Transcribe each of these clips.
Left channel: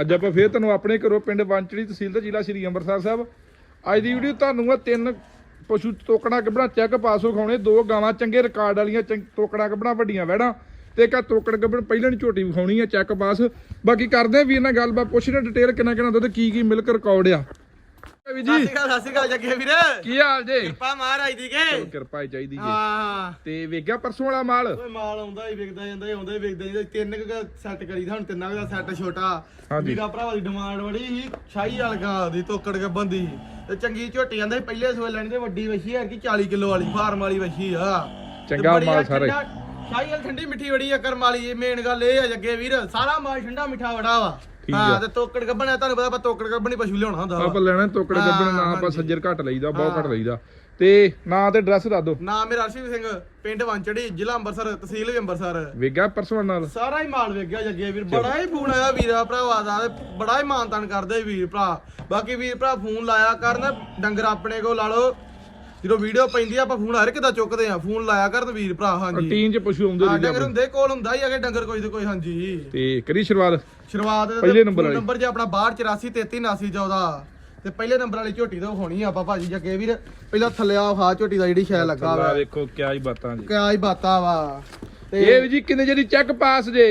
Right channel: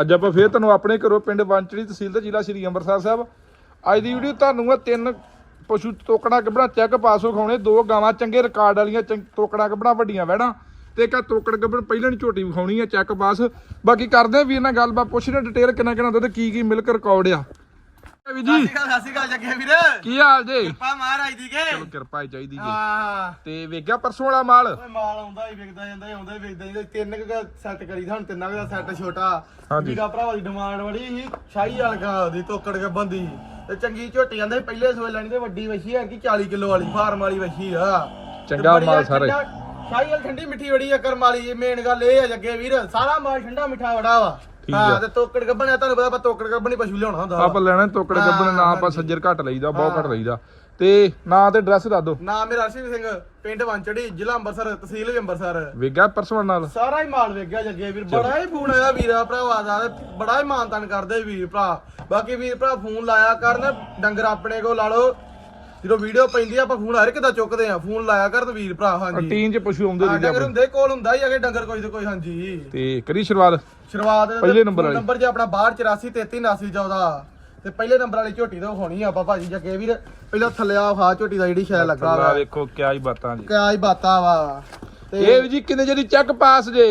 ਅੱਜ ਆਪਾਂ ਫੇਰ ਤੁਹਾਨੂੰ ਆਪਣੇ ਘਰੋਂ ਪਿੰਡ ਵਾਂਚੜੀ ਤਹਿਸੀਲ ਤੇ ਜ਼ਿਲ੍ਹਾ ਸ਼੍ਰੀ ਅੰਮ੍ਰਿਤਸਰ ਸਾਹਿਬ। ਅੱਜ ਦੀ ਵੀਡੀਓ ਤੁਹਾਨੂੰ ਆ ਤਿੰਨ ਪਸ਼ੂ ਤੋਕੜਾ ਗੱਬਣਾ ਚੈੱਕ ਪਾਸ ਵਿਖਾਉਣੇ ਦੋ ਗਾਵਾਂ, ਚੰਗੇ ਰਿਕਾਰਡ ਵਾਲੀਆਂ ਚੰਗ- ਤੋਕੜਾ ਗੱਬਣਾ ਵੱਡੀਆਂ ਵੈੜਾਂ ਤੇ ਇੱਕ ਤੋਕੜ ਗੱਬਣ ਪਹਿਲਾਂ ਦੀ ਝੋਟੀ ਵਿਖਾਉਣੀ ਆ, ਚੈੱਕ ਪਾਸ। ਬਾਕੀ ਕਰਦੇ ਆ ਵੀਰ ਨਾਲ ਗੱਲਬਾਤ ਪੁੱਛਦੇ ਡਿਟੇਲ ਕਿੰਨਾ ਕਿੰਨਾ ਹੁੰਦਾ ਕੀ ਕੀ ਮਿਲਕ ਰਿਕਾਰਡ ਆ। ਵੀ ਜੀ। ਸ਼੍ਰੀ ਅਕਾਲ ਜੱਗੇ ਵੀਰ। ਕੀ ਹਾਲ ਜੀ? ਕਿਰਪਾ ਮਹਾਰਾਜ ਦੀ ਕੇ। ਚਲੋ ਕਿਰਪਾ ਹੀ ਚਾਹੀਦੀ ਜੀ। ਹਾਂ। ਤੇ ਵੇਖਿਆ ਪਰਸੋਂ ਵਾਲਾ ਮਾਲ? ਓਏ ਮਾਲ ਆਉਂਦਾ ਹੀ ਵਿਕਦਾ ਜਾਂਦਾ ਹੀ ਆਉਂਦਾ ਹੀ ਵਿਕਦਾ ਜਾਂਦਾ ਤਿੰਨ ਕੁ ਸੈੱਟ ਕਰੀ ਹੁਣ ਤਿੰਨਾਂ ਕੁ ਦਾ ਸੈੱਟ ਛੋਟਾ। ਹਾਂਜੀ। ਵੀਰਾ ਭਰਾਵਾ ਦੀ ਡਿਮਾਂਡ ਬੜੀ ਸੀ ਸ਼ਾਹੀ ਵਾਲਗਾ ਦੀ ਤੋਕੜ ਕੇ ਬੰਦੀ। ਤੇ ਚੰਗੀ ਝੋਟੀ ਜਾਂਦੇ ਸੀ ਪਹਿਲੇ ਸੋਏ ਲੈਣੀ ਤੇ ਵੱਡੀ ਵਛੀ ਹੈ ਕਿ 40 ਕਿਲੋ ਵਾਲੀ ਫਾਰਮ ਵਾਲੀ ਵਛੀ ਆ। ਚੰਗਾ ਮਾਲ ਸਾਰੇ। ਠੰਡਾ- ਸ਼ਾਹੀ ਵਾਲ ਠੰਡੀ ਮਿੱਠੀ ਬੜੀ ਆ ਕਰਮ ਵਾਲੀ ਮੇਨ ਗੱਲ ਇਹ ਆ ਜੱਗੇ ਵੀਰ। ਸਾਰਾ ਮਾਲ ਠੰਡਾ ਮਿੱਠਾ ਬੜਾ ਵਾ। ਠੀਕ ਆ। ਹਾਂ ਤੇ ਤੋਕੜ ਗੱਬਣੇ ਤੁਹਾਨੂੰ ਪਤਾ ਆਪਾਂ ਤੋਕੜ ਗੱਬਣੀ ਪਸ਼ੂ ਲਿਆਉਣਾ ਹੁੰਦਾ। ਆਪਾਂ ਲੈਣਾ ਤੋਕੜ ਗੱਬਣ ਨਾ ਹਾਂ, ਆਪਾਂ। ਸੱਜਰ ਘੱਟ ਲਈਦਾ ਬਹੁਤ ਘੱਟ ਹਾਂ। ਲਈਦਾ ਤੇ ਨਾਂ ਤੇ ਐਡਰੈਸ ਦੱਸ ਦਿਓ ਨਾਮ ਮੇਰਾ ਅਰਸ਼ਦੀਪ ਸਿੰਘ ਪਿੰਡ ਵਾਂਚੜੀ ਜ਼ਿਲ੍ਹਾ ਅੰਮ੍ਰਿਤਸਰ ਤਹਿਸੀਲ ਵੀ ਅੰਮ੍ਰਿਤਸਰ ਵੇਖਿਆ ਪਰਸੋਂ ਨਾਲ ਸਾਰਾ ਹੀ ਮਾਲ ਵੇਖਿਆ ਜੱਗੇ ਵੀਰ ਬੜਾ ਹੀ ਫੋਨ ਆਇਆ ਵੀਰਾ ਭਰਾਵਾ ਦਾ ਬੜਾ ਹੀ ਮਾਨਤਾਨ ਕਰਦੇ ਵੀਰ ਭਰਾ ਬਾਕੀ ਵੀਰ ਭਰਾ ਫੋਨ ਲਾਇਆ ਕਰਨ ਡੰਗਰ ਆਪਣੇ ਕੋਲ ਲਾ ਲਓ ਜਦੋਂ ਵੀਡੀਓ ਪੈਂਦੀ ਆ ਆਪਾਂ ਫੋਨ ਹਰ ਇੱਕ ਦਾ ਚੁੱਕਦੇ ਆ। ਫੋਨ ਲਾਇਆ ਕਰਨ ਵੀਰ ਭਰਾ ਹਾਂਜੀ। ਟੀਨ ਚ ਪਸ਼ੂ ਆਉਂਦੇ ਰਹਿੰਦੇ ਡੰਗਰ ਹੁੰਦੇ ਕੋਲ ਹੁੰਦਾ ਹੀ ਅਗੇ ਡੰਗਰ ਕੋਈ ਤੇ ਕੋਈ ਹਾਂਜੀ। ਤੇ ਕਰੀ ਸ਼ੁਰੂਆਤ? ਸ਼ੁਰੂਆਤ ਪਹਿਲੇ ਨੰਬਰ ਵਾਲੀ। ਨੰਬਰ ਜੇ ਆਪਣਾ 62 83 33 79 14 ਤੇ ਪਹਿਲੇ ਨੰਬਰ ਵਾਲੀ ਝੋਟੀ ਤੋਂ ਹੋਣੀ ਆ ਆਪਾਂ ਭਾਜੀ ਜੱਗੇ ਵੀਰ। ਪਹਿਲਾਂ ਥੱਲੇ ਆ ਖਾ ਝੋਟੀ ਦਾ ਜਿਹੜੀ ਸ਼ੈ ਲੱਗਾ ਵਾ। ਵੇਖੋ ਕਿਆ ਹੀ ਬਾਤਾਂ ਜੀ ਕਿਆ ਹੀ ਬਾਤਾਂ ਵਾ। ਇਹ ਵੀ ਜੀ ਕਿੰਨੇ ਜਿਹੜੀ ਚੈੱਕ ਪਾਸ ਜੇ।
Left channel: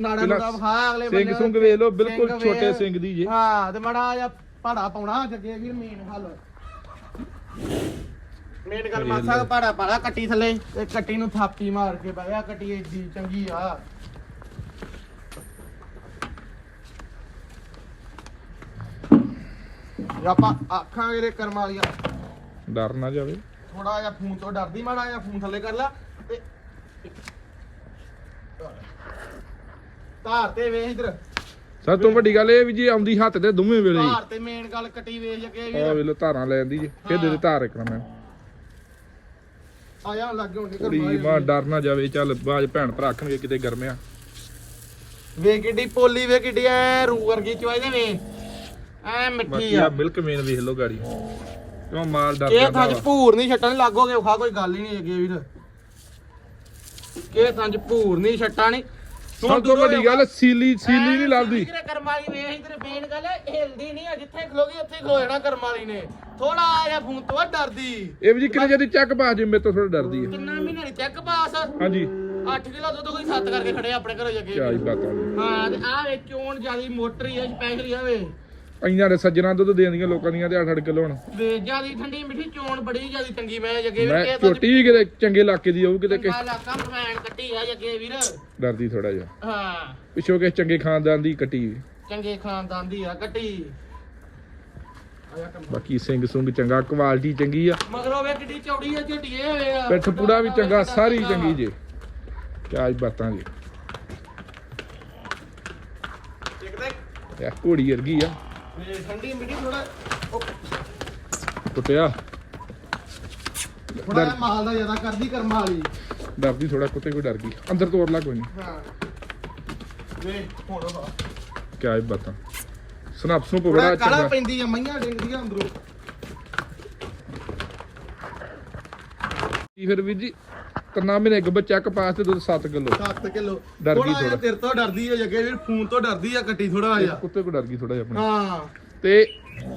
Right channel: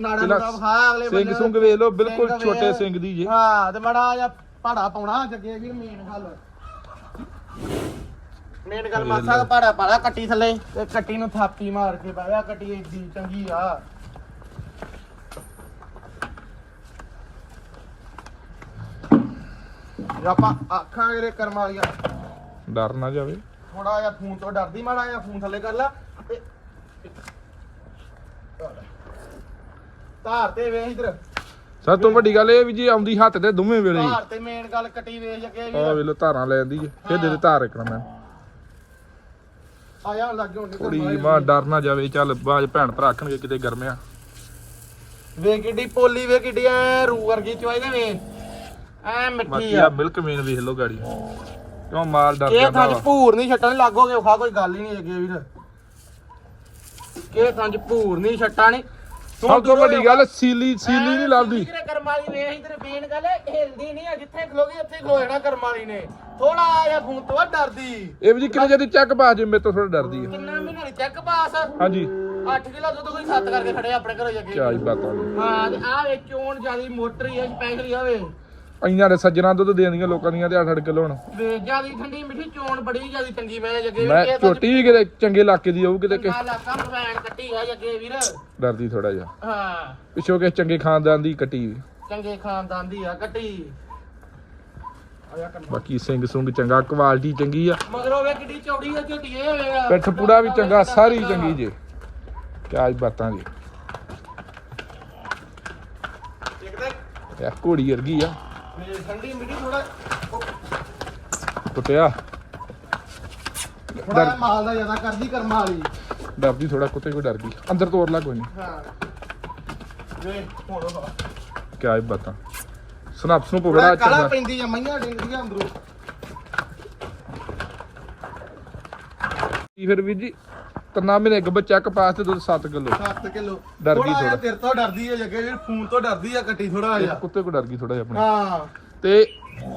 ਨਾੜਾ ਪਹਿਲਾਂ ਨੂੰ ਖਾ ਅਗਲੇ ਸਿੰਘ ਬੰਦੇ ਸੁੰਗ ਵੇਖ ਲਓ ਬਿਲਕੁਲ ਛੋਟੇ। ਸਿੰਘ ਦੀ ਜੀ। ਹਾਂ ਤੇ ਮੜਾ ਜਿਹਾ ਪਾੜਾ ਪਾਉਣਾ ਜੱਗੇ ਵੀਰ ਮੇਨ ਗੱਲ ਮੇਨ ਗੱਲ ਵੇਖ ਮਾਸਾ ਲਓ। ਪਾੜਾ ਪਾੜਾ ਕੱਟੀ ਥੱਲੇ। ਤੇ ਕੱਟੀ ਨੂੰ ਥਾਪੀ ਮਾਰ ਕੇ ਬਾਇਆ ਕੱਟੀ ਏਡੀ ਚੰਗੀ ਆ। ਜੇ ਆਪਾਂ ਆਖਾਂ ਇਹਦੇ ਕਰਮਾਂ ਵਾਲੀਆਂ। ਡਰ ਨਾ ਜਾਵੇ। ਥੋੜਾ ਜਿਹਾ ਫੋਨ ਤੋਂ ਡਰਦੀ ਮਾੜਾ ਜਿਹਾ ਫੋਨ ਥੱਲੇ ਕਰ ਲਾ। ਤੇ ਧਾਰ ਤੇ ਵੇਖ ਇਧਰ। ਸਭ ਤੋਂ ਵੱਡੀ ਗੱਲ ਇਹ ਵੀ ਜੀ ਆਉਂਦੀ ਹੱਥ ਤੇ ਦੋਵੇਂ ਵੇਲੇ ਧਾਰ ਤੇ ਮੇਨ ਗੱਲ ਕੱਟੀ ਵੇਖ ਅੱਗੇ ਵੀਰ ਵੇਖ ਲਓ ਧਾਰਾਂ ਲੈ ਜਾਂਦੀ ਜੀ। ਫਿਰ ਦੇ ਦੇ ਧਾਰ ਇੱਕ ਮੈਂ। ਆਇਆ ਲੱਗੇ ਹੁਣ ਕੁੜੀ ਮਾਂ ਡਰ ਨਾ ਜਾਵੇ ਚੱਲ ਬਾਜ ਭੈਣ ਭਰਾ ਆਖਣਗੇ ਕਿਤੇ ਗਰਮਿਆ ਵੇ ਕਿੱਡੀ ਪੋਲੀ ਵੇ ਕਿੱਡੀ ਐ ਰੂ ਵਰਗੀ ਚੋਈ ਦੇ ਵੇ। ਐ ਮਿੱਠੀ ਬਾਕੀ ਆ ਆ। ਮਿਲਕ ਮੇਨ ਵੇਖ ਲਓ ਗਾੜੀ। ਕਿਉਂ ਮਾਲ ਡਰ ਇਹ ਜਾਂਦਾ ਥਾਂ 'ਚ ਵਾ। ਭੂਰ ਨਹੀਂ ਛੱਟਣ ਲੱਗੋਗੇ ਖਾ ਕੋਈ ਗੱਲ ਹੀ ਨਹੀਂ ਅੱਗੇ ਵੀਰ। ਇਹ ਥਾਂ 'ਚ ਭੂਰ ਨਹੀਂ ਛੱਟਾਂ ਨਹੀਂ ਸਭ ਤੋਂ ਵੱਡੀ ਗੱਲ ਸੀਲੀ ਸੀਲੀ ਨਹੀਂ ਲੱਭਦੀ ਕਰਮਾਲੀ ਵੇਖ ਇਧਰੇ ਬੇਨ ਗੱਲ ਹਿਲਦੀ ਨਹੀਂ ਆ ਜਿੱਥੇ ਖਲੋਗੀ ਉੱਥੇ ਖਲੋ ਜਾਣਾ ਕਰਮਾਲੀ ਨੇ। ਥੋੜਾ ਜਿਹਾ ਫੋਨ ਤੋਂ ਡਰਦੀ। ਇਹ ਵੀ ਜੀ ਕਿੰਨੇ ਜਿਹੜੀ ਚੈੱਕ ਪਾਸ ਜੇ ਮੇਰੇ ਤੋਂ ਥੋੜਾ ਡਰਦੀ ਹੈ ਕਿੰਨਾ ਮਹੀਨਾ ਚੈੱਕ ਪਾਸ ਹਾਂਜੀ। 8 ਕਿਲੋ ਦੁੱਧ ਕੋਈ 7 ਕਰਕੇ ਖੜੇ ਆਪਣੇ ਘਰੋਂ ਜੱਗੇ ਹੀ ਬਾਤਾਂ ਨੇ। ਹਾਂ ਤੇ ਆ ਵੇ ਚੋਣ ਜਿਆਦੀ ਮੋਟਰੀ ਆ ਸਪੈਸ਼ਲੀ ਆਵੇ ਪੰਜਾਂ ਦੇ ਸੱਜਣਾ ਦੁੱਧ ਦੇਣਦੀਆਂ ਲੋਕਾਂ ਦੀਆਂ ਤੇ 8-8 ਕਿਲੋ ਹੁਣ। ਵੇ ਜਿਆਦੀ ਠੰਡੀ ਮਿੱਠੀ ਚੋਣ ਬੜੀ ਜਿਆਦੀ ਚੰਗੀ ਮੈਂ ਜੱਗੇ ਮੈਂ ਵੀਰ ਝੋਟੀ ਵੀ ਕਿਤੇ ਚੰਗੇ ਇਲਾਕੇ ਦੀ ਹੋਊ ਕਿਤੇ ਕਿ ਚੰਗਾ ਇਲਾਕਾ ਮਰਵੈਣ ਕੱਟੀ ਆ ਜੱਗੇ ਵੀਰ। ਡਰਦੀ ਥੋੜਾ ਜਿਹਾ। ਹਾਂ। ਪਿੱਛੋਂ ਕਿਸੇ ਚੰਗੇ ਖਾਨਦਾਨ ਦੀ ਕੱਟੀ। ਚੰਗੇ ਖਾਨਦਾਨ ਦੀ ਆ ਕੱਟੀ। ਬਾਕੀ ਸਿੰਘ ਸੁੰਗ ਚੰਗਾ ਕੁਆਲਿਟੀ ਚੰਗੀ ਆ। ਮਗਰੋਂ ਵੇ ਕਿੱਡੀ ਚੌੜੀ ਆ ਝਟੀਏ ਹੋਵੇ ਆ। ਪਿੱਠ ਪੂੜਾ ਵੀ ਚੰਗਾ ਸਾਰੀ ਚੰਗੀ ਜੇ। ਕਿਆ ਬਾਤਾਂ ਜੀ। ਇਹ ਘੋੜੀ ਵਰਗੀ ਆ। ਠੰਡੀ ਮਿੱਠੀ ਥੋੜਾ ਕੁੱਤਿਆ ਥੋੜਾ ਮਾਲ ਦਾ ਜ਼ਿਆਦਾ ਕਰਦੀ ਕਰਮਾ ਵਾਲੀ। ਡਰਦੀ ਥੋੜਾ ਕੁੱਤੇ ਕੋਈ ਡਰ ਗਈ। ਅੰਦਰ ਤੋੜ ਲਾ ਕੋਈ ਨਹੀਂ ਹਾਂ। ਵੇ ਹੁਣ ਕਿਆ ਬਾਤਾਂ। ਸਨਪਸ ਨੂੰ ਬੜਾ ਕਾਲਾ ਚੰਗਾ। ਪੈਂਦੀ ਆ ਮਈਆਂ ਡਿੰਗਦੀਆਂ ਅੰਦਰੋਂ। ਕੀ ਫਿਰ ਵੀਰ ਜੀ ਤਨਾ ਮਹੀਨੇ ਗੱਬ ਚੈੱਕ ਪਾਸ ਤੇ ਦੁੱਧ 7 ਕਿਲੋ? 7 ਕਿਲੋ। ਡਰ ਗਈ ਥੋੜਾ ਜਿਹਾ ਥੋੜਾ। ਤੇਰੇ ਤੋਂ ਡਰਦੀ ਆ ਜੱਗੇ ਵੀਰ ਫੋਨ ਤੋਂ ਡਰਦੀ ਆ ਕੱਟੀ ਥੋੜਾ ਜਿਹਾ। ਕੁੱਤੇ ਕੋ ਡਰ ਗਈ ਥੋੜਾ ਜਿਹਾ ਆਪਣੇ। ਹਾਂ। ਤੇ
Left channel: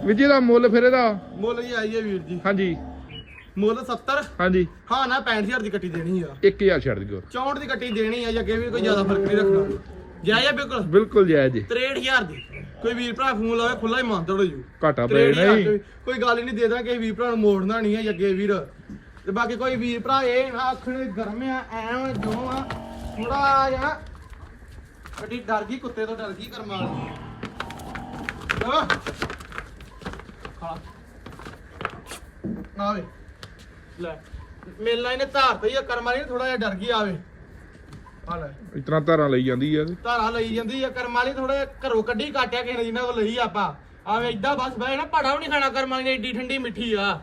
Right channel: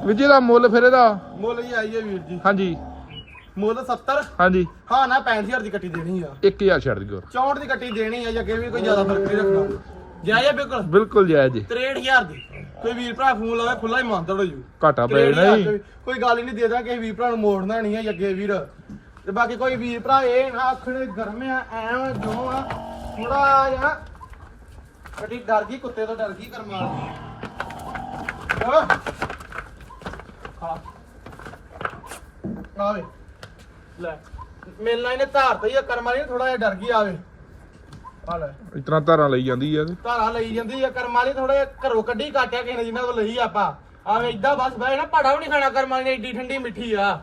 ਵੀਰ ਜੀ ਦਾ ਮੁੱਲ ਫਿਰ ਇਹਦਾ? ਮੁੱਲ ਹੈ ਵੀਰ ਜੀ। ਹਾਂਜੀ। ਮੁੱਲ 70 ਹਾਂਜੀ। ਹਾਂ ਨਾ 65000 ਦੀ ਕੱਟੀ ਦੇਣੀ ਆ। 1000 ਛੱਡ ਦਿਓ। 64 ਦੀ ਕੱਟੀ ਦੇਣੀ ਆ ਜੱਗੇ ਵੀਰ ਕੋਈ ਜ਼ਿਆਦਾ ਫ਼ਰਕ ਨਹੀਂ ਰੱਖਣਾ। ਜਾਇਆ ਬਿਲਕੁਲ। ਬਿਲਕੁਲ ਜਾਇਜ਼ ਜੀ। 63000 ਦੀ। ਕੋਈ ਵੀਰ ਭਰਾ ਫੋਨ ਲਾਵੇ ਖੁੱਲਾ ਹੀ ਮੰਨ ਤੋੜੋ ਜੀ ਘਾਟਾ ਪੈ ਜਾਣਾ ਜੀ। ਕੋਈ ਗੱਲ ਹੀ ਨਹੀਂ ਦੇਦਾ ਕਿ ਵੀਰ ਭਰਾ ਨੂੰ ਮੋੜਨਾ ਨਹੀਂ ਹੈ ਜੱਗੇ ਵੀਰ। ਤੇ ਬਾਕੀ ਕੋਈ ਵੀਰ ਭਰਾ ਇਹ ਨਾ ਆਖਣ ਗਰਮ ਆ ਐ ਜੋ ਆ ਥੋੜਾ ਜਿਹਾ ਕੱਟੀ ਡਰ ਗਈ ਕੁੱਤੇ ਤੋਂ ਡਰ ਗਈ ਕਰਮਾਲ ਖਾ ਆਵੇ। ਲੈ ਮੇਲਾ ਇਹਨੇ ਧਾਰ ਤੇ ਹੀ ਕਰਮਾਲੀ ਨੇ ਥੋੜਾ ਜਿਹਾ ਡਰ ਗਈ ਆਵੇ। ਆ ਲੈ। ਇਤਨਾ ਧਾਰਾਂ ਲਈ ਜਾਂਦੀ ਆ ਤੇ। ਧਾਰਾ ਲਈ ਜਾਂਦੀ ਆ ਕਰਮਾਲੀ ਥੋੜਾ ਜਿਹਾ ਘਰੋਂ ਕੱਢੀ ਕਾਟਿਆ ਕਿਸੇ ਨੇ ਜਿੰਨਾ ਕੋਲ ਲਈ ਆਪਾਂ। ਆਵੇਂ ਇਦਾਂ ਬਸ ਬਹਿ ਨਾ ਪੜਾ ਵੀ ਨਹੀਂ ਖਾਣਾ ਕਰਮਾਲੀ ਨੇ ਏਡੀ ਠੰਡੀ ਮਿੱਠੀ ਆ।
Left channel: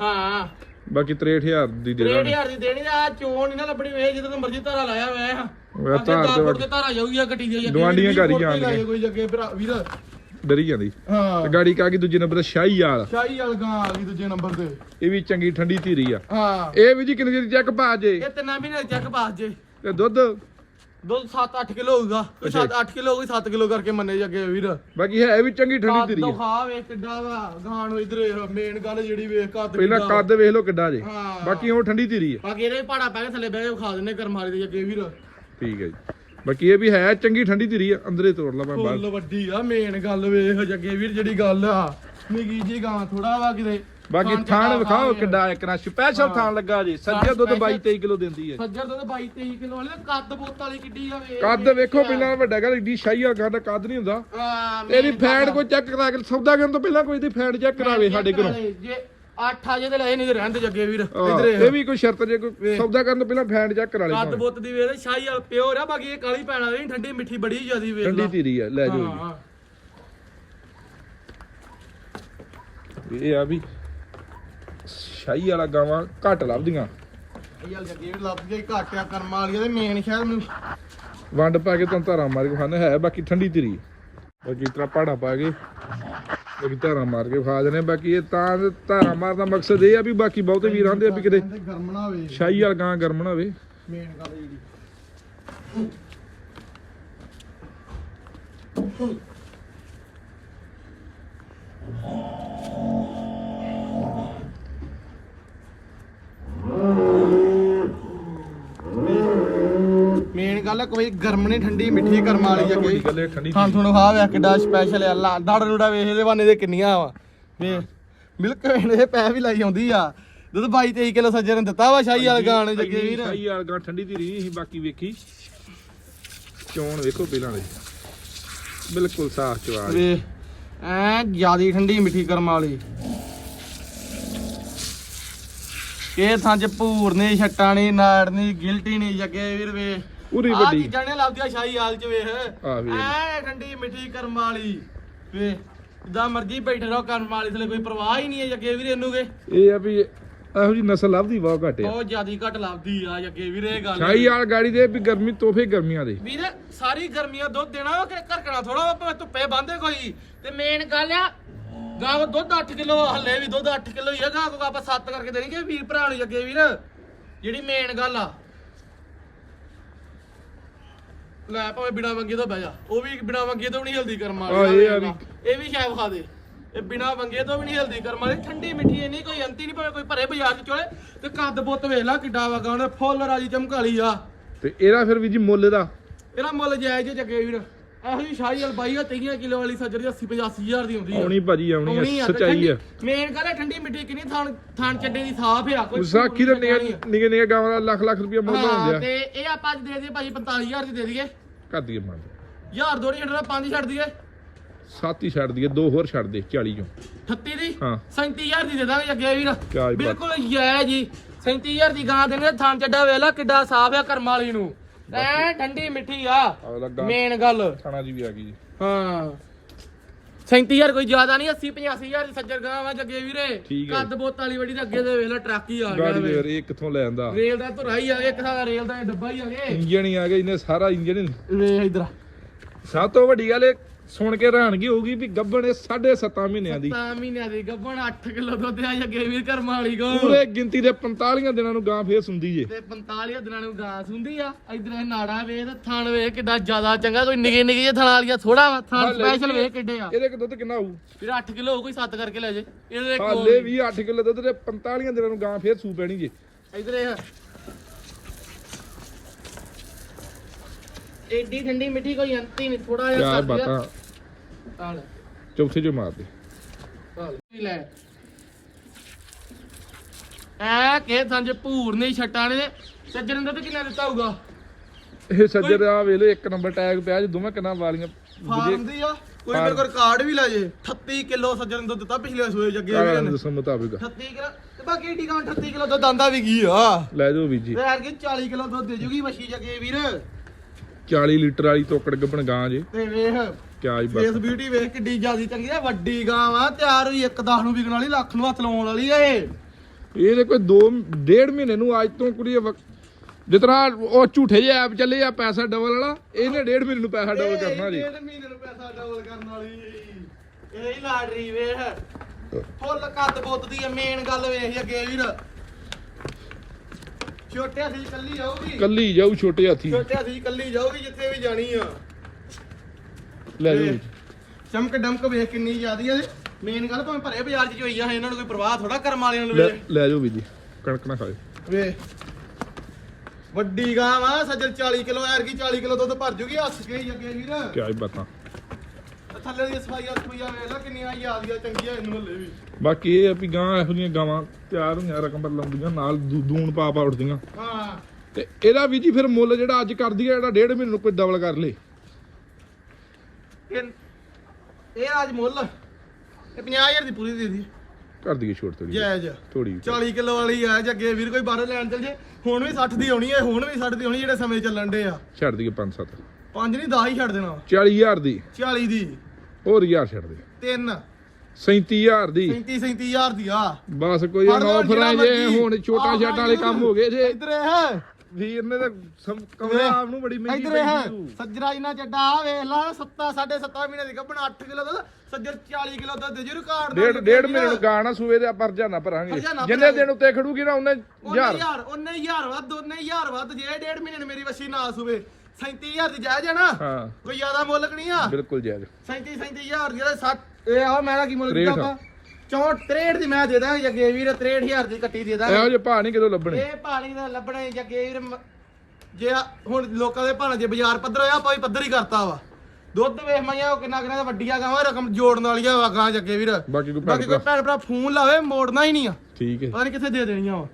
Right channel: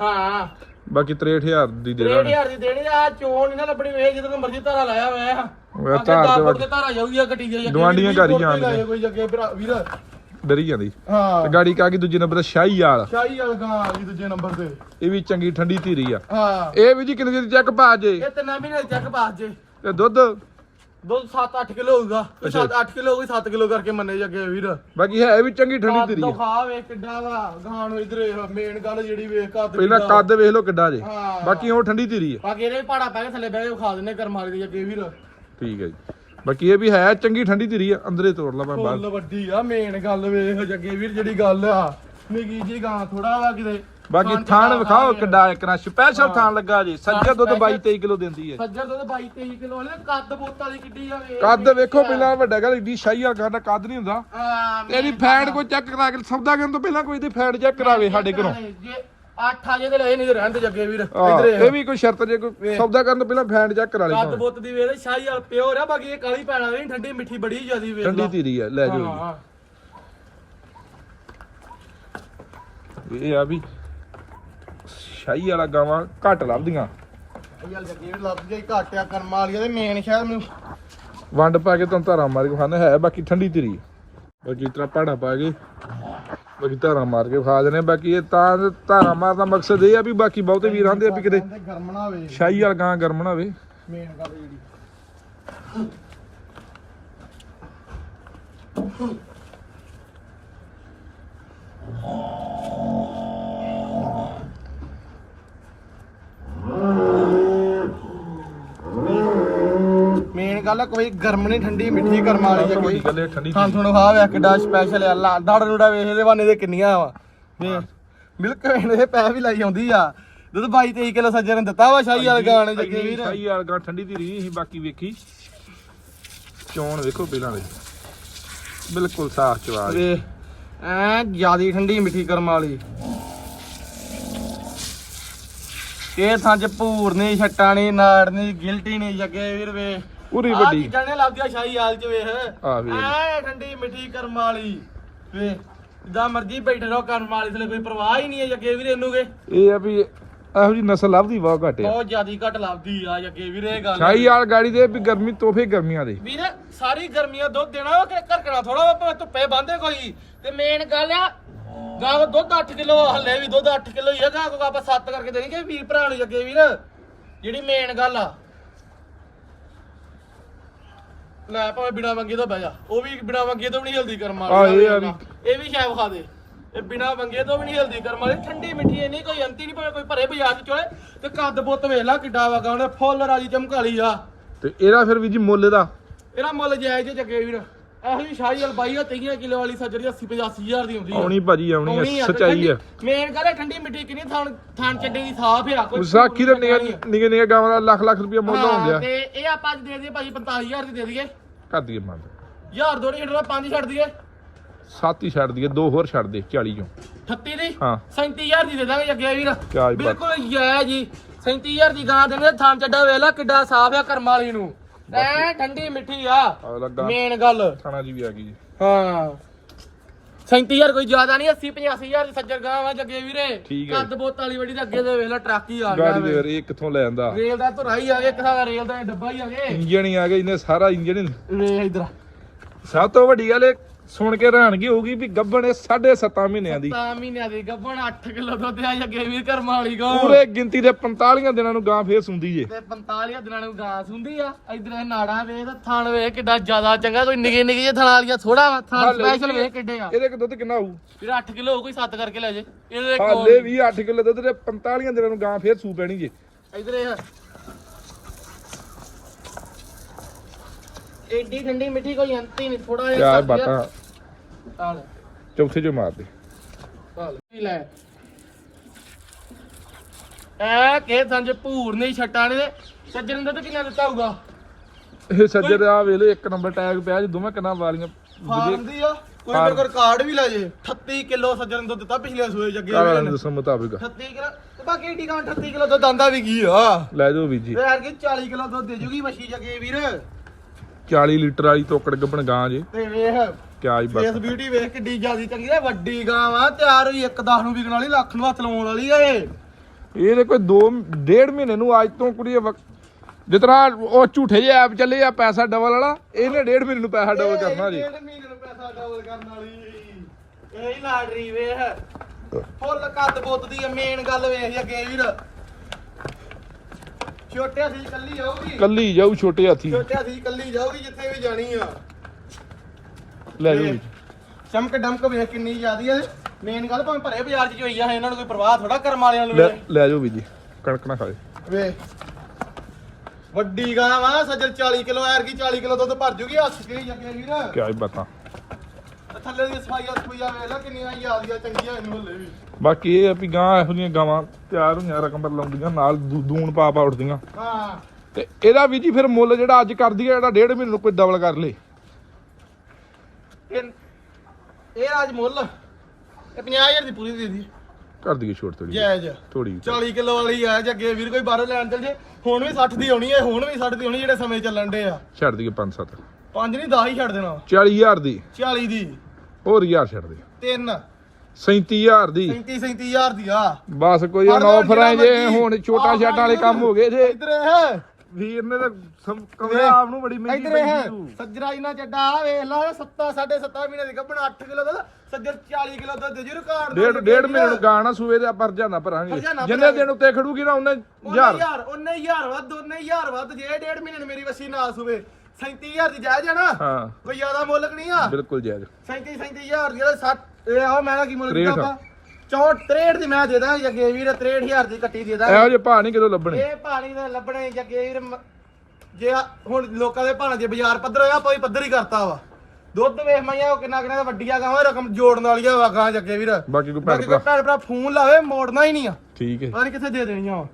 ਹਾਂ। ਬਾਕੀ 63000 ਦੀ ਦੇ ਦਾਂਗੇ 3000 ਦੀ ਦੇਣੀ ਆ ਚੋਣ ਨਹੀਂ ਨਾ ਲੱਭਣੀ ਵੇ ਜਦੋਂ ਮਰਜ਼ੀ ਧਾਰਾ ਲਾਇਆ ਹੋਇਆ ਆ ਉਹ ਧਾਰ ਤੇ ਤੇ ਤੇ ਧਾਰਾ ਜਾਊਗੀ ਆ ਗੱਡੀ ਦੀ ਗੁਆਂਢੀਆਂ ਘਰ ਹੀ ਜਾਣਗੇ। ਕੋਈ ਜੱਗੇ ਭਰਾ ਵੀਰ। ਡਰੀ ਜਾਂਦੀ। ਤੇ ਹਾਂ ਗਾੜੀ ਕਾ ਕੀ ਦੂਜੇ ਨੰਬਰ ਤੇ? ਸ਼ਾਹੀ ਵਾਲ। ਸ਼ਾਹੀ ਅਲਗਾ ਆ ਗਈ ਦੂਜੇ ਨੰਬਰ ਤੇ। ਇਹ ਵੀ ਚੰਗੀ ਠੰਡੀ ਧੀਰੀ ਆ। ਹਾਂ। ਇਹ ਵੀ ਜੀ ਕਿੰਨੇ ਦੀ ਚੈੱਕ ਪਾ ਜੇ? ਇਹ ਤਿੰਨਾਂ ਮਹੀਨੇ ਚੈੱਕ ਪਾਸ ਜੇ। ਤੇ ਦੁੱਧ? ਦੁੱਧ 7-8 ਕਿਲੋ ਹੋਊਗਾ। ਕੋਈ ਅੱਛਾ। 7-8 ਕਿਲੋ ਹੋਊਗੀ 7 ਕਿਲੋ ਕਰਕੇ ਮੰਨੇ ਜੱਗੇ ਵੀਰ। ਬਾਕੀ ਹੈ ਵੀ ਚੰਗੀ ਠੰਡੀ ਤੇਰੀ ਆ। ਦਿਖਾ ਵੇਖ ਕਿੱਡਾ ਵਾ ਗਾਣ ਇਧਰ ਮੇਨ ਗੱਲ ਜਿਹੜੀ ਵੇਖ ਕੱਦ ਪਹਿਲਾਂ। ਕੱਦ ਵੇਖ ਲਓ ਕਿੱਡਾ ਜੇ। ਹਾਂ। ਬਾਕੀ ਉਹ ਠੰਡੀ ਤੇਰੀ ਆ। ਬਾਕੀ ਇਹਦੇ ਪਾੜਾ ਪੈ ਕੇ ਥੱਲੇ ਬਹਿ ਕੇ ਵਿਖਾ ਦਿੰਨੇ ਕਰਮਾਲੀ ਦੇ ਜੱਗੇ ਵੀਰ। ਠੀਕ ਹੈ ਜੀ। ਬਾਕੀ ਇਹ ਵੀ ਹੈ ਚੰਗੀ ਠੰਡੀ ਤੇਰੀ ਆ ਅੰਦਰੇ ਤੋੜ ਲਾ ਮੈਂ ਬਾਹਰ ਵੱਡੀ ਆ ਮੇਨ ਗੱਲ ਵੇਖ ਜੱਗੇ ਵੀਰ ਜਿਹੜੀ ਗੱਲ ਆ। ਨਿੱਕੀ ਜੀ ਗਾਂ ਥੋੜਾ ਵਾ ਕਿਤੇ। ਬਾਕੀ ਥਾਣ ਵਿਖਾਓ ਕਿੱਡਾ ਇੱਕ ਨਾ ਸਪੈਸ਼ਲ। ਥਾਣ ਲੱਗਾ ਜੀ। ਸੱਜਾ ਦੁੱਧ special 22 23 ਕਿਲੋ ਦਿੰਦੀ ਹੈ। ਸੱਜਰ ਦੁੱਧ 22 23 ਕਿਲੋ ਵਾਲੇ ਕੱਦ ਬੋਤਾਂ ਦੀ ਕਿੱਡੀ ਆ ਕੱਦ ਵੇਖੋ ਪਹਿਲਾਂ ਵੱਡਾ ਗੱਲ ਏਡੀ ਸ਼ਾਹੀ ਆ ਦਾ ਕੱਦ ਨਹੀਂ ਹੁੰਦਾ। ਆ ਇਹਦੀ ਫੈਟ ਕੋਈ ਚੈੱਕ ਕਰਾ ਕੇ ਸੌਦਾ ਕਰਨ ਤੋਂ ਪਹਿਲਾਂ ਕੋਈ ਇਹਦੀ ਫੈਟ ਚੈੱਕ ਕਰਾਵੇ ਸਾਡੇ ਜੇ 8 ਅਜੇ ਤੇ ਲਏ ਨਹੀਂ ਤੇ ਰਹਿਣ ਦੇ ਜੱਗੇ ਵੀਰ ਇਧਰ ਇਹ ਵੀ ਕੋਈ ਸ਼ਰਤ ਜੇ ਕੋਈ। ਸੌਦਾ ਕਰਨ ਤੋਂ ਪਹਿਲਾਂ ਫੈਟ ਚੈੱਕ ਕਰਾ ਕੱਦ ਲਈ ਬੁੱਤ ਦੀ ਸ਼ਾਹੀ ਵਾਲ ਪਿਓਰ ਆ ਬਾਕੀ ਇਹ ਕਾਲੀ ਪੈਣਾ ਵੇ ਠੰਡੀ ਮਿੱਠੀ ਬੜੀ ਜਿਆਦੀ ਵੇਖ ਠੰਡੀ ਲਾ। ਧੀਰੀ ਆ ਲੈ ਜਾਓ ਹਾਂ। ਜੀ। ਇਹ ਆ ਵੀ ਸ਼ਾਹੀ ਵਾਲਾ ਗਾਵਾਂ ਘੱਟ ਲੱਭਦੀਆਂ। ਯਾਰ ਜੱਗੇ ਵੀਰ ਲੱਭ ਗਈ ਘਾਟਿਆ ਕਰਮ ਵਾਲੀਆਂ ਤੇ ਮੇਨ ਸ਼ਾਇਦ ਮੈਨੂੰ ਵੰਡ ਪਾ ਕੇ ਤੁਹਾਨੂੰ ਧਾਰਾਂ ਮਾਰ ਕੇ ਖਾਣਾ ਹੈ ਬਾਕੀ ਠੰਡੀ ਧੀਰੀ ਬਾਕੀ ਇਸ ਤਰ੍ਹਾਂ ਪਹਾੜਾ ਪਾ ਕੇ ਬਾਕੀ ਧਾਰਾਂ ਮਾਰ ਕੇ ਖਾ ਦੇਣੇ ਬਾਕੀ ਇਹ ਤਾਂ ਧਾਰਾਂ ਮਾਰਨ ਦਾ ਮਕਸਦ ਇਹ ਆ ਵੀ ਬਾਕੀ ਬਹੁਤੇ ਵੀਰ ਆਂਦੇ ਆ ਵੀ ਕਿਤੇ ਕਹਿੰਦੇ ਗਰਮ ਨਾ ਹੋਵੇ। ਸ਼ਾਹੀ ਵਾਲਾ ਗਾਂ ਗਰਮ ਨਾ ਹੋਵੇ। ਮੇਨ ਗੱਲ ਜਿਹੜੀ ਮੇਨ ਗੱਲ ਆ ਕੋਈ ਗਰਮ ਨਹੀਂ ਠੰਡੀ ਮਿੱਠੀ ਕਰਮ ਵਾਲੀ ਆ ਕੋਈ। ਗੱਲ ਇਹ ਠੰਡੀ ਥਾਂ ਤੁਹਾਨੂੰ ਖਾ ਵੇ ਕਿੱਡਾ ਸਪੈਸ਼ਲ ਆ ਲਾ ਡੜ ਡੂੜਾ ਵੇਖ ਇਹਦੇ ਬਾਨੇ ਦੇ ਕਿੰਨੀਆਂ ਵਾ। ਵੇ ਮਿਲਕ ਵੇਣ ਦੇ ਪੈ ਵੀ ਲਾਈ ਆਉਂਦੀ ਆ। ਦੁੱਧ 22 23 ਕਿਲੋ ਸੱਜਰ ਨੇ ਦਿੱਤਾ ਵਾ ਸ਼ਾਹੀ ਵਾਲਾ ਗਾਣੇ ਜੱਗੇ ਵੀਰ। ਸ਼ਾਹੀ ਵਾਲਾ ਗਾਂ ਠੰਡੀ ਧੀਰੀ ਸੀ ਬਾਕੀ ਵੇਖੀ। ਚੋਣ ਵੇਖੋ ਪਹਿਲਾਂ ਦੇ ਬਿਲਕੁਲ ਸਾਫ਼ ਚਵਾਲ ਵੇ ਐ ਜਿਆਦੀ ਠੰਡੀ ਮਿੱਠੀ ਕਰਮ ਵਾਲੀ। ਇਹ ਥਾਂ ਚ ਭੂਰ ਨਹੀਂ ਛੱਟਾਂ ਨਹੀਂ ਨਾੜ ਨਹੀਂ ਗਿਲਟੀ ਨਹੀਂ ਜੱਗੇ ਵੀਰ ਵੇ ਪੂਰੀ ਆਹ ਵੱਡੀ। ਚੀਜ਼ਾਂ ਨੇ ਲੱਭਦੀਆਂ ਸ਼ਾਹੀ ਹਾਲ ਚ ਵੇਖ। ਆ ਵੇਖ। ਐ ਠੰਡੀ ਮਿੱਠੀ ਕਰਮ ਵਾਲੀ। ਵੇ ਜਿੱਦਾਂ ਮਰਜ਼ੀ ਬੈਠੇ ਰਹੋ ਕਰਮ ਵਾਲੀ ਥਲੇ ਕੋਈ ਪਰਵਾਹ ਹੀ ਨਹੀਂ ਹੈ ਜੱਗੇ ਵੀਰ ਇਹਨੂੰ ਕੇ ਇਹ ਆ ਵੀ ਇਹੋ ਜੀ ਨਸਲ ਲੱਭਦੀ ਬਹੁਤ ਘੱਟ ਆ। ਬਹੁਤ ਜਿਆਦੀ ਘਟ ਲੱਭਦੀ ਆ ਜੱਗੇ ਵੀਰ ਇਹ ਗੱਲ। ਸ਼ਾਹੀ ਵਾਲ ਗਾੜੀ ਦੇ ਵੀ ਗਰਮੀ ਤੋਹਫੇ ਗਰਮੀਆਂ ਦੇ। ਵੀਰ ਸਾਰੀ ਗਰਮੀਆਂ ਦੁੱਧ ਦੇਣਾ ਉਹ ਕਿ ਘਰਕਣਾ ਥੋੜਾ ਭਾਵੇਂ ਧੁੱਪੇ ਬੰਦੇ ਕੋਈ। ਤੇ ਮੇਨ ਗੱਲ ਆ ਗਾਂ ਕੋ ਦੁੱਧ 8 ਕਿਲੋ ਹੱਲੇ ਵੀ ਦੁੱਧ 8 ਕਿਲੋ ਹੀ ਆ ਗਾਂ ਕੋ ਆਪਾਂ 7 ਕਰਕੇ ਦੇਣੀ ਕਿ ਵੀਰ ਭਰਾ ਨੂੰ ਜੱਗੇ ਵੀਰ। ਜਿਹੜੀ ਮੇਨ ਗੱਲ ਆ। ਲੈ ਭਾਵੇਂ ਬਿਨਾ ਮੰਗੇ ਤੋਂ ਬਹਿ ਜਾ। ਉਹ ਵੀ ਬਿਨਾ ਮੰਗੇ ਤੋਂ ਵੀ ਨਹੀਂ ਹਲਦੀ ਕਰਮ ਵਾਲੀ ਆਹ, ਇਹ ਆ ਵੀ- ਇਹ ਵੀ ਸ਼ਾਇਦ ਖਾ ਦੇ। ਇਹ ਬਿਨਾ ਮੰਗੇ ਤੋਂ ਵੀ ਨਹੀਂ ਹਲਦੀ ਕਰਮ ਵਾਲੀ। ਠੰਡੀ ਮਿੱਠੀ ਨਹੀਂ ਕੋਈ ਅੰਤੀ ਨਹੀਂ ਭਾਵੇਂ ਕੋਈ ਭਰੇ ਬਾਜ਼ਾਰ ਚ ਚੋਲੇ। ਤੇ ਕੱਦ ਬੁੱਤ ਵੇਖ ਲਾ ਕਿੱਡਾ ਵਗਾ ਉਹਨੇ ਫੁੱਲ ਰਾਜੀ ਚਮਕਾਲੀ ਆ। ਤੇ ਇਹਦਾ ਫਿਰ ਵੀ ਜੀ ਮੁੱਲ ਦਾ। ਇਹਦਾ ਮੁੱਲ ਜਾਇਜ਼ ਜੇ ਜੱਗੇ ਵੀਰ। ਇਹੋ ਸ਼ਾਹੀ ਅਲਬਾਈ ਆ 23 ਕਿਲੋ ਵਾਲੀ ਸੱਜਰੀ 80 85 ਹਜ਼ਾਰ ਦੀ ਹੁੰਦੀ ਆ। ਆਉਣੀ ਭਾਜੀ ਆਉਣੀ ਆ। ਸੱਚਾਈ ਆ। ਮੇਨ ਗੱਲ ਹੈ ਠੰਡੀ ਮਿੱਠੀ ਕਿੰਨੀ ਥਾਣ ਥਾਣ ਚੱਡੇ ਦੀ ਸਾਫ਼ ਆ। ਕੋਈ ਵਿਸਾਖੀ ਦੇ ਨਿਗੇ ਨਿਗੇ ਗਾਵਾਂ ਦਾ ਲੱਖ ਲੱਖ ਰੁਪਇਆ ਮੁੱਲ ਹਾਂ, ਹੁੰਦਿਆ ਤੇ ਇਹ ਆਪਾਂ ਅੱਜ ਦੇ ਦਈਏ ਭਾਜੀ 45000 ਦੀ ਦੇ ਦਈਏ। ਕਰ ਦਈਏ ਮੰਨ ਹਜ਼ਾਰ ਦੋ ਨਹੀਂ ਛੱਡਣਾ ਪੰਜ ਛੱਡ ਦਈਏ। ਸੱਤ ਹੀ ਛੱਡ ਦਈਏ ਦੋ ਹੋਰ ਛੱਡ ਦੇ 40 ਚੋਂ। 38 ਦੀ? ਹਾਂ। 37000 ਦੀ ਦੇ ਦਾਂਗੇ ਜੱਗੇ ਵੀਰ ਕਿਆ ਬਾਤ। ਬਿਲਕੁਲ ਜੈ ਜੀ। 37000 ਦੀ ਗਾਂ ਦੇਣੇ ਥਾਣ ਚੱਡਾ ਵੇਲਾ ਕਿੱਡਾ ਸਾਫ਼ ਆ ਕਰਮ ਵਾਲੀ ਨੂੰ। ਐ ਠੰਡੀ ਮਿੱਠੀ ਆ। ਅਗਲਾ ਗਾਂ ਮੇਨ ਗੱਲ। ਖਾਣਾ ਜੀ ਵੀ ਆ ਗਈ ਜੀ। ਹਾਂ। 37000 ਕੋਈ ਜ਼ਿਆਦਾ ਨਹੀਂ 80 85000 ਦੀ ਸੱਜਰ ਗਾਂ ਵਾ ਜੱਗੇ ਵੀਰੇ। ਠੀਕ ਹੈ। ਕੱਦ ਬੋਤ ਵਾਲੀ ਵੱਡੀ ਦੇ ਅੱਗੇ ਦੇ ਵੇਖ ਲੈ ਟਰੱਕ ਹੀ ਆ ਗਿਆ ਗਾੜੀ ਵੇ। ਦੇ ਇਹ ਕਿੱਥੋਂ ਲੈ ਆਂਦਾ। ਰੇਲ ਦਾ ਧੁਰਾ ਹੀ ਆ ਗਿਆ ਇੱਕ ਸਾਰਾ ਰੇਲ ਦਾ ਇਹ ਡੱਬਾ ਹੀ ਆ ਗਿਆ। ਇੰਜਣ ਹੀ ਆ ਗਿਆ ਇਹਨੇ ਸਾਰਾ ਇੰਜਣ ਹੀ। ਵੇ ਇਧਰ। ਸਭ ਤੋਂ ਵੱਡੀ ਗੱਲ ਇਹ ਸੁਣ ਕੇ ਹੈਰਾਨਗੀ ਹੋਊਗੀ ਵੀ ਗੱਬਣ ਇਹ 7.5 ਮਹੀਨਿਆਂ ਦੀ। ਤਾਂ ਮਹੀਨਿਆਂ ਦੀ ਗੱਭਣ 8 ਕਿਲੋ ਦੁੱਧ ਆ ਜੱਗੇ ਵੀਰ ਕਰਮ ਵਾਲੀ ਗਾਂ ਪੂਰੇ ਗਿਣਤੀ ਦੇ 45 ਦਿਨਾਂ ਨੂੰ ਗਾਂ ਫੇਰ ਸੁੰਦੀ ਜੇ। ਤੇ 45 ਦਿਨਾਂ ਨੂੰ ਗਾਂ ਹੁੰਦੀ ਆ ਇਧਰ ਇਹ ਨਾੜਾ ਵੇਖ ਤੇ ਥਣ ਵੇਖ ਕਿੱਡਾ ਜ਼ਿਆਦਾ ਚੰਗਾ ਕੋਈ ਨਿੱਕੇ ਨਿੱਕੇ ਜਿਹੇ ਥਣਾ ਵਾਲੀਆਂ ਥੋੜਾ ਥਣ ਸਪੈਸ਼ਲ ਵੇਖ ਕਿੱਡੇ ਆ। ਇਹਦੇ ਕੋ ਦੁੱਧ ਕਿੰਨਾ ਹੋਊ? ਫਿਰ 8 ਕਿਲੋ ਕੋਈ 7 ਕਰਕੇ ਲੈ ਜੇ। ਇਹਦੇ ਹਾਲੇ ਵੀ 8 ਕਿਲੋ ਦੁੱਧ ਦੇ 45 ਦਿਨਾਂ ਨੂੰ ਗਾਂ ਫੇਰ ਸੂ ਪੈਣੀ ਜੇ। ਇਧਰ ਇਹ ਏਡੀ ਠੰਡੀ ਮਿੱਠੀ ਕੋਈ ਅੰਤੀ ਨਹੀਂ ਥੋੜਾ ਜਿਹਾ ਯਾਰ ਬਾਤਾਂ ਆ ਲੈ। ਚੌਥੇ ਚੋਂ ਮਾਰ ਦੇ ਆ ਲੈ। ਐ ਕੇ ਸੰਜ ਭੂਰ ਨਹੀਂ ਛੱਟਾਂ ਨੇ ਸੱਜਣ ਦਾ ਤਾਂ ਕਿੰਨਾ ਦਿੱਤਾ ਹੋਊਗਾ? ਇਹ ਸੱਜਰ ਆ ਵੇਖ ਲੋ ਇੱਕ ਨੰਬਰ ਟੈਗ ਪਿਆ ਜੀ ਦੋਵੇਂ ਕੰਨਾਂ ਵਾਲੀਆਂ ਫਾਰਮ ਦੀ ਆ ਕੋਈ। ਮੇਰੇ ਕੋਲ ਰਿਕਾਰਡ ਵੀ ਲੈ ਜੇ। 38 ਕਿਲੋ ਸੱਜਣ ਦਾ ਦਿੱਤਾ ਪਿਛਲੇ ਸੂਏ ਜੱਗੇ ਵੀਰ ਦੇ ਨੇ। ਦੱਸਣ ਮੁਤਾਬਿਕ 38 ਕਿਲੋ ਤੇ ਬਾਕੀ ਏਡੀ ਕਾਂ 38 ਕਿਲੋ ਦੁੱਧ ਆਂਦਾ ਵੀ ਕੀ ਆ? ਲੈ ਜਾਓ ਵੀਰ ਜੀ। ਤੇ ਯਾਰ ਕਿ 40 ਕਿਲੋ ਦੁੱਧ ਦੇ ਜੂਗੀ ਮੱਛੀ ਜੱਗੇ ਵੀਰ? 40 ਲੀਟਰ ਵਾਲੀ ਤੋਕੜ ਗੱਬਣ ਗਾਂ ਜੇ। ਤੇ ਵੇਖ ਕਿਆ ਜੀ ਫੇਸ ਬਸ ਬਿਊਟੀ ਵੇਖ ਕਿੱਡੀ ਜਿਆਦੀ ਚੰਗੀ ਆ ਵੱਡੀ ਗਾਂ ਵਾ ਤਿਆਰ ਹੋਈ ਇੱਕ 10 ਨੂੰ ਵਿਕਣ ਵਾਲੀ ਲੱਖ ਨੂੰ ਹੱਥ ਲਾਉਣ ਵਾਲੀ ਏ ਇਹਦੇ ਕੋਈ 2 ਡੇਢ ਮਹੀਨੇ ਨੂੰ ਅੱਜ ਤੋਂ ਕੁੜੀ ਜਿਤਨਾ ਉਹ ਝੂਠੇ ਜਿਹੇ ਐਪ ਚੱਲੇ ਆ ਪੈਸਾ ਡਬਲ ਵਾਲਾ ਇਹਨੇ ਡੇਢ ਮਹੀਨੇ ਨੂੰ ਪੈਸਾ ਡਬਲ ਕਰਨਾ ਜੀ। ਡੇਢ ਮਹੀਨੇ ਨੂੰ ਪੈਸਾ ਡਬਲ ਕਰਨ ਵਾਲੀ। ਇਹ ਹੀ ਲਾਟਰੀ ਵੇਖ। ਫੁੱਲ ਕੱਦ ਬੁੱਤ ਦੀ ਮੇਨ ਗੱਲ ਵੇਖ ਅੱਗੇ ਵੀਰ ਛੋਟੇ ਹੱਥੀ ਕੱਲੀ ਜਾਊਗੀ। ਕੱਲੀ ਜਾਊ ਛੋਟੇ ਹਾਥੀ। ਛੋਟੇ ਹੱਥੀ ਕੱਲੀ ਜਾਊਗੀ ਜਿੱਥੇ ਵੀ ਜਾਣੀ ਆ। ਲੈ ਜਾਓ ਜੀ। ਚਮਕ ਡਮਕ ਵੇਖ ਕਿੰਨੀ ਜ਼ਿਆਦੀ ਆ। ਮੇਨ ਗੱਲ ਭਾਵੇਂ ਭਰੇ ਬਾਜ਼ਾਰ 'ਚ ਹੋਈ ਆ ਇਹਨਾਂ ਨੂੰ ਕੋਈ ਪ੍ਰਵਾਹ ਥੋੜਾ ਕਰਮ ਵਾਲਿਆਂ ਨੂੰ ਲੈ ਵੇ। ਲੈ ਜਾਓ ਵੀ ਜੀ ਕਣਕ ਨਾ ਖਾਏ ਵੇ ਵੱਡੀ ਗਾਂ ਵਾ ਸੱਜਰ 40 ਕਿਲੋ ਐਰ ਕੀ 40 ਕਿਲੋ ਦੁੱਧ ਭਰ ਜੂਗੀ ਹੱਥ ਕੇ ਹੀ ਅੱਗੇ ਵੀਰ। ਕਿਆ ਹੀ ਬਾਤਾਂ। ਥੱਲੇ ਦੀ ਸਫਾਈਆਂ ਸਫਾਈਆਂ ਵੇਖ ਲੈ ਕਿੰਨੀਆਂ ਯਾਦੀਆਂ ਚੰਗੀਆਂ ਇਹਨੂੰ ਹੱਲੇ ਵੀ। ਬਾਕੀ ਇਹ ਆ ਵੀ ਗਾਂ ਇਹੋ ਜਿਹੀਆਂ ਗਾਵਾਂ ਤਿਆਰ ਹੋਈਆਂ ਰਕਮ ਪਰ ਲਾਉਂਦੀਆਂ ਨਾਲ ਦੂ- ਦੂਣ ਪਾ ਪਾ ਉੱਠਦੀਆਂ। ਹਾਂ। ਤੇ ਇਹਦਾ ਵੀ ਜੀ ਫਿਰ ਮੁੱਲ ਜਿਹੜਾ ਅੱਜ ਕਰਦੀ ਹੈ ਜਿਹੜਾ ਡੇਢ ਮਹੀਨੇ ਨੂੰ ਕੋਈ ਡਬਲ ਕਰ ਲੇ। ਇਹ ਇਹ ਰਾਜ ਮੁੱਲ। ਇਹ 50000 ਦੀ ਪੂਰੀ ਦੇ ਦੀ। ਕਰ ਦਈਏ ਛੋਟ ਥੋੜੀ ਜਾਇਜ਼ ਥੋੜੀ 40 ਕਿਲੋ ਵਾਲੀ ਆ ਜੇ ਅੱਗੇ ਵੀਰ ਕੋਈ ਬਾਹਰੋਂ ਲੈਣ ਚੱਲ ਜੇ ਹੁਣ ਵੀ 60 ਦੀ ਆਉਣੀ ਹੈ ਹੁਣ ਵੀ 60 ਦੀ ਆਉਣੀ ਜਿਹੜੇ ਸਮੇਂ ਚੱਲਣ ਦੇ ਆ। ਛੱਡ ਦਈਏ 5 7 ਪੰਜ ਨਹੀਂ 10 ਹੀ ਛੱਡ ਦੇਣਾ। 40000 ਦੀ। 40 ਦੀ। ਹੋਰ 1000 ਛੱਡ ਦੇ। ਤਿੰਨ। 37000 ਦੀ। 37 37000 ਦੀ ਆ ਬਸ ਕੋਈ ਫੜ ਲਓ ਜੇ ਹੁਣ। ਛੋਟਾ ਆਹ ਛੱਟ ਵਾਲੇ ਕੰਮ ਹੋ ਗਏ ਜੇ। ਇੱਧਰ ਇਹ। ਵੀਰ ਨੇ ਤਾਂ ਸਮ- ਕਮਰੇ ਆਪ ਨੂੰ ਬੜੀ ਮਹਿੰਗੀ ਇੱਧਰ ਇਹ। ਸੱਜਰਾ ਇਨਾ ਚੱਡਾ ਆ ਵੇਖ ਲਾ 7 7.5 ਮਹੀਨੇ ਦੀ ਗੱਭਣ 8 ਕਿਲੋ ਦਾ ਸੱਜਰ 40 ਕਿਲੋ ਦਾ ਦੇ ਜੂ ਰਿਕਾਰਡ ਡੇਢ ਡੇਢ ਮਹੀਨੇ ਨੂੰ ਗਾਣਾ ਸੂਏ ਦੇ ਆਪਾਂ ਰਜਾਨਾ ਭਰਾਂਗੇ। ਜਿੰਨੇ ਭਰਾਂਗੇ। ਦਿਨ ਉੱਤੇ ਖੜੂਗੀ ਨਾ ਉਹਨੇ ਯਾਰ ਯਾਰ ਉਹਨੇ ਹਜ਼ਾਰ ਵੱਧ ਉਹਨੇ ਹਜ਼ਾਰ ਵੱਧ ਜੇ ਡੇਢ ਮਹੀਨੇ ਨੂੰ ਮੇਰੀ ਵਸੀ ਨਾ ਸੁਵੇ। 37000 ਦੀ ਜਾਇਜ਼ ਆ ਨਾ? ਹਾਂ। ਕੋਈ ਜ਼ਿਆਦਾ ਮੁੱਲ ਨਹੀਂ ਆ? ਬਿਲਕੁਲ ਜਾਇਜ਼। 37 37000 ਜਿਹੜੇ 60 ਇਹ ਆ ਮੈਂ ਕੀ ਮੁੱਲ ਤਰੇਹਠ। ਦਿੱਤਾ ਆਪਾਂ? 64 63 ਦੀ ਮੈਂ ਦੇ ਦਾਂ ਜੱਗੇ ਵੀਰ 63000 ਦੀ ਕੱਟੀ ਦੇ ਦਾਂ। ਇਹੋ ਜਿਹੇ ਭਾਅ ਨਹੀਂ ਕਿਦੋਂ ਲੱਭਣੇ। ਇਹ ਪਾਣੀ ਦਾ ਲੱਭਣੇ ਜੱਗੇ ਵੀਰ ਜੇ ਹੁਣ ਲੋਕਾਂ ਦੇ ਭਾਣਾ ਜੇ ਬਾਜ਼ਾਰ ਪੱਧਰ ਹੋਇਆ ਵੀ ਪੱਧਰ ਹੀ ਕਰਤਾ ਵਾ। ਦੁੱਧ ਵੇਖ ਮਈਆਂ ਉਹ ਕਿੰਨਾ ਕਿੰਨਾ ਵੱਡੀਆਂ ਗਾਵਾਂ ਰਕਮ ਜੋੜਨ ਵਾਲੀਆਂ ਵਾ ਗਾਂ ਜੱਗੇ ਵੀਰ। ਬਾਕੀ ਕੋਈ ਕੋਈ ਭੈਣ ਭਰਾ ਫੋਨ ਲਾਵੇ ਮੋੜਨਾ ਹੀ ਨਹੀਂ ਆ। ਠੀਕ ਹੈ। ਪਤਾ ਨਹੀਂ ਕਿੱਥੇ ਦੇ ਦੇਣੀਆਂ ਵਾ।